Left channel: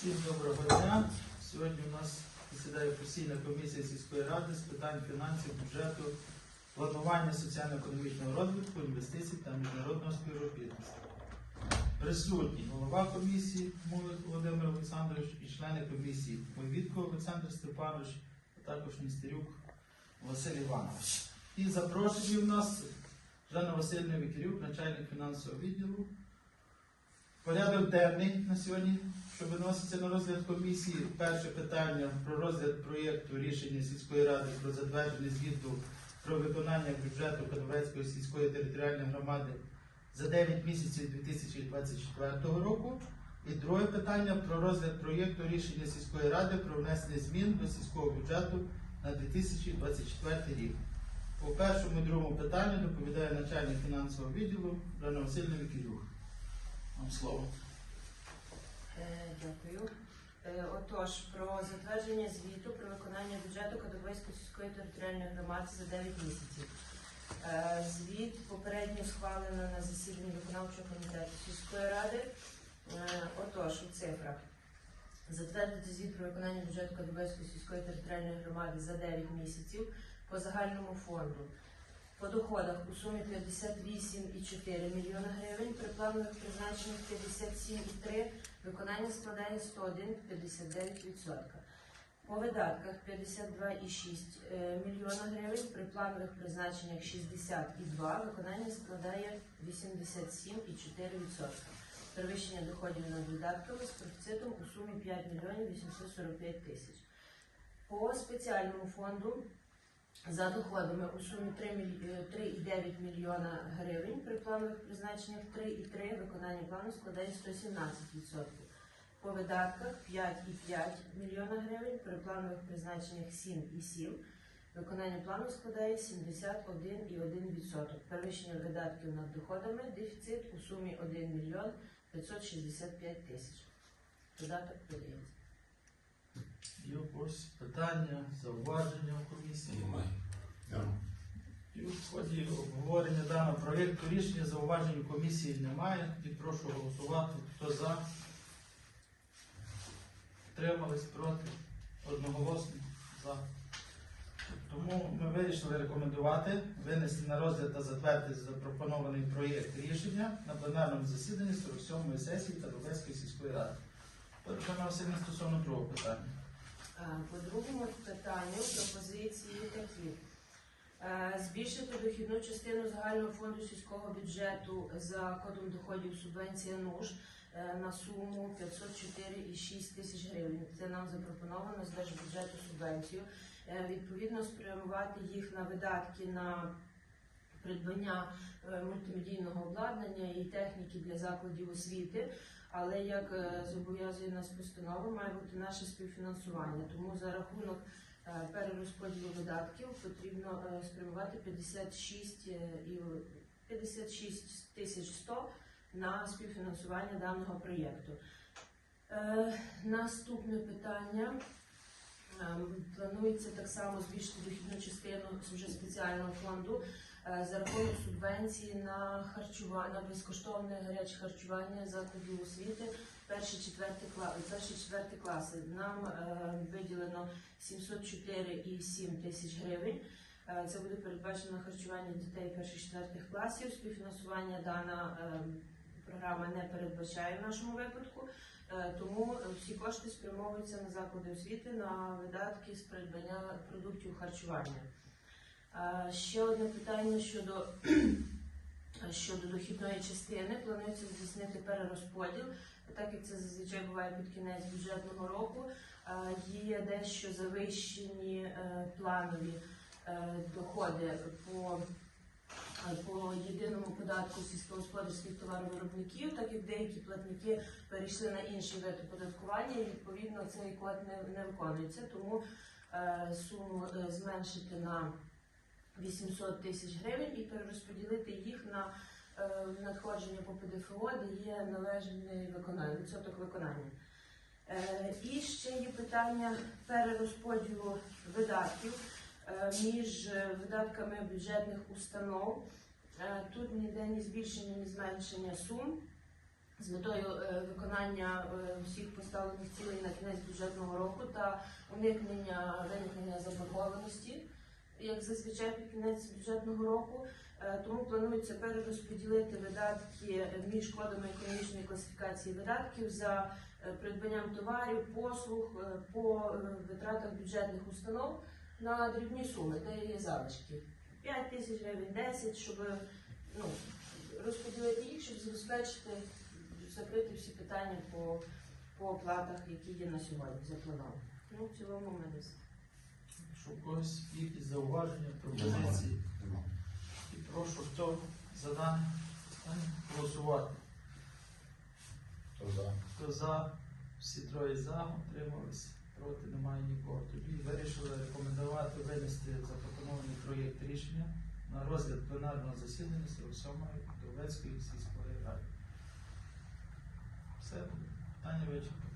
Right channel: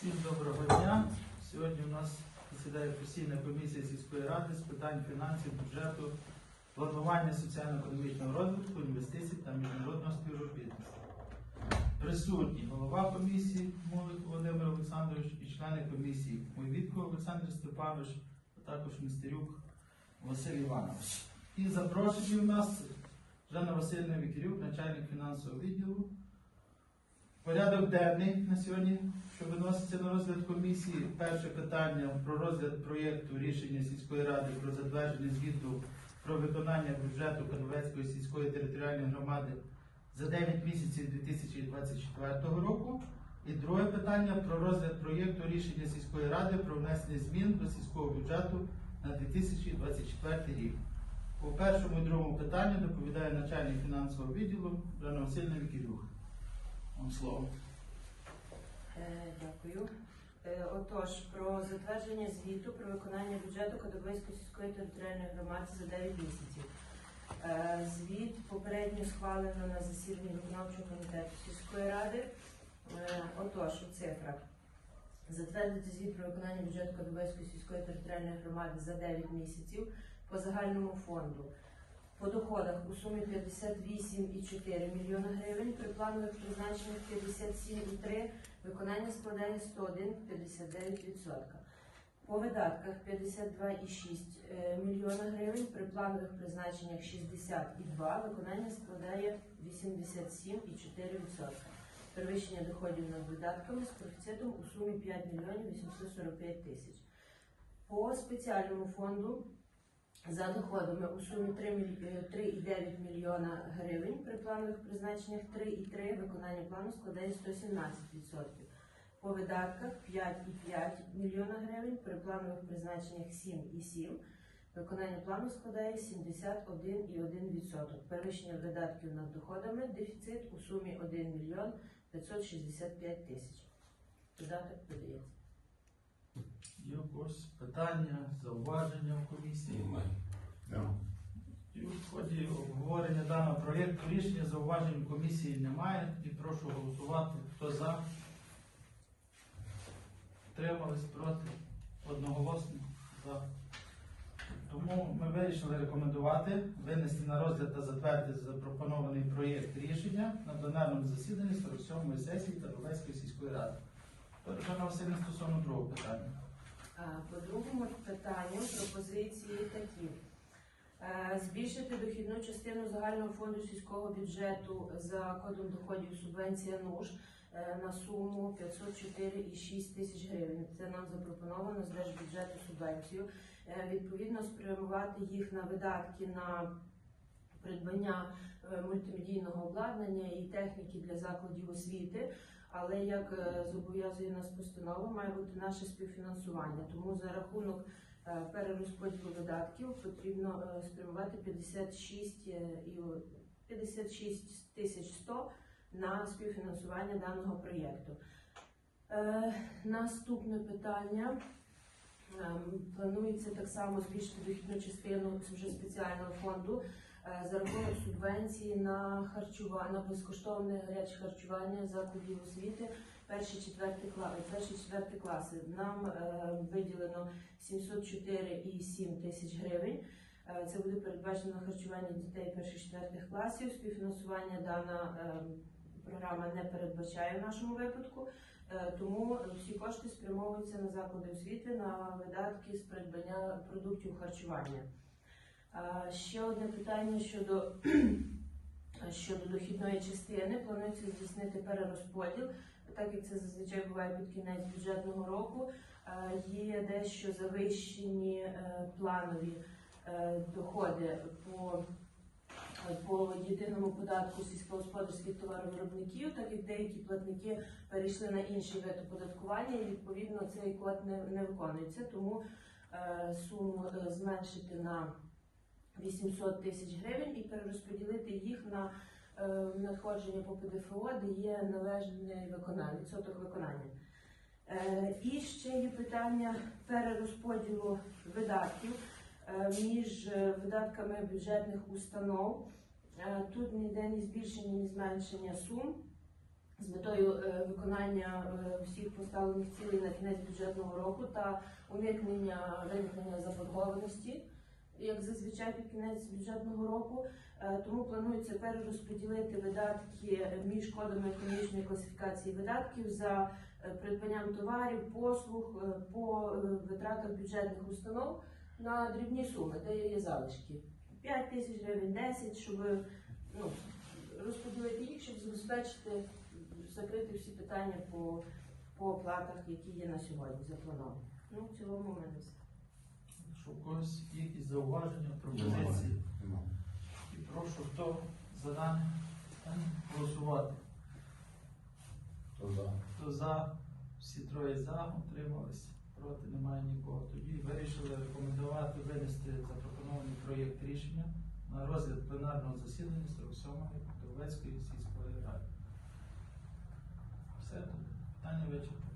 Всім доброго дня. Сьогодні у нас засідає постійна комісія сільської ради з питань фінансів, бюджету, планування соціально-економічного розвитку, інвестицій та міжнародного співробітництва. Присутні голова комісії Володимир Олександрович і члени комісії Мойвітко Олександр Степанович, а також Містерюк Василь Іванович. І запрошені у нас Жанна Васильівна Вікерюк, начальник фінансового відділу. Порядок денний на сьогодні, що виноситься на розгляд комісії. Перше питання про розгляд проєкту рішення сільської ради про затвердження звіту про виконання бюджету Кадовецької сільської територіальної громади за 9 місяців 2024 року. І друге питання про розгляд проєкту рішення сільської ради про внесення змін до сільського бюджету на 2024 рік. По першому і другому питанню доповідає начальник фінансового відділу Жанна Васильівна Вікілюк. Вам слово. Е, Дякую. Е, Отож, про затвердження звіту про виконання бюджету Кадовийської сільської територіальної громади за 9 місяців. Е, Звіт попередньо схвалено на засіданні виконавчого комітету сільської ради. Отож, у цифрах. Затвердити звіт про виконання бюджету Кадовийської сільської територіальної громади за 9 місяців по загальному фонду. По доходах у сумі 58,4 мільйони гривень, при планових призначеннях 57,3, виконання складає 101,59%. По видатках 52,6 е, мільйона гривень, при планових призначеннях 60,2, виконання складає 87,4%. Перевищення доходів над видатками з коефіцієнтом у сумі 5 мільйонів 845 тисяч. По спеціальному фонду за доходами у сумі 3 міль- е, 3,9 мільйона гривень, при планових призначеннях 3,3, виконання плану складає 117%. По видатках 5,5 мільйона гривень, при планових призначеннях 7,7, виконання плану складає 71,1%. Перевищення видатків над доходами, дефіцит у сумі 1 мільйон 565 тисяч. Додаток подається. Є якось питання, зауваження в комісії. І в ході обговорення даного проєкту рішення зауважень у комісії немає. І прошу голосувати. Хто за? Тримались проти? Одноголосно за. Тому ми вирішили рекомендувати винести на розгляд та затвердити запропонований проєкт рішення на пленарному засіданні 47-ї сесії Тарбецької сільської ради. Перша Васильівна стосовно другого питання. По другому питанню пропозиції такі. Е, Збільшити дохідну частину загального фонду сільського бюджету за кодом доходів субвенція НУШ е, на суму 504,6 тисяч гривень. Це нам запропоновано з держбюджету субвенцію. Е, Відповідно, спрямувати їх на видатки на придбання е, мультимедійного обладнання і техніки для закладів освіти. Але як е, зобов'язує нас постанова, має бути наше співфінансування. Тому за рахунок е, перерозподілу видатків потрібно спрямувати 56 е, і 56 тисяч 100 на співфінансування даного проєкту. Наступне питання. Ем, Планується так само збільшити дохідну частину вже спеціального фонду за рахунок субвенції на харчування, на безкоштовне гаряче харчування закладів освіти перші четверті класи. Перші четверті класи. Нам е, виділено 704,7 тисяч гривень. Е, Це буде передбачено харчування дітей перших четвертих класів. Співфінансування дана е, програма не передбачає в нашому випадку. Е, Тому всі кошти спрямовуються на заклади освіти на видатки з придбання продуктів харчування. Ще одне питання щодо, щодо дохідної частини. Планується здійснити перерозподіл, так як це зазвичай буває під кінець бюджетного року. Є дещо завищені е, планові е, доходи по по єдиному податку сільськогосподарських товаровиробників, так як деякі платники перейшли на інший вид оподаткування, і відповідно цей код не, не виконується. Тому е, суму зменшити на 800 тисяч гривень і перерозподілити їх на е, надходження по ПДФО, де є належне виконання, відсоток виконання. Е, і ще є питання перерозподілу видатків е, між видатками бюджетних установ. Тут ніде ні збільшення, ні зменшення сум. з метою виконання всіх поставлених цілей на кінець бюджетного року та уникнення виникнення заборгованості, як зазвичай під кінець бюджетного року. Е, Тому планується перерозподілити видатки між кодами економічної класифікації видатків за е, придбанням товарів, послуг е, по витратах бюджетних установ на дрібні суми, де є залишки. 5 тисяч гривень, 10, щоб ну, розподілити їх, щоб забезпечити, закрити всі питання по, по оплатах, які є на сьогодні заплановані. Ну, в цілому ми десь. Прошу когось якісь зауваження, пропозиції. І прошу хто за нами е, голосувати. Хто за? Хто за? Всі троє за, утрималися, проти немає нікого. Тоді вирішили рекомендувати винести запропонований проєкт рішення на розгляд пленарного засідання 47-ї Кровецької сільської ради. Все, питання вичерпано.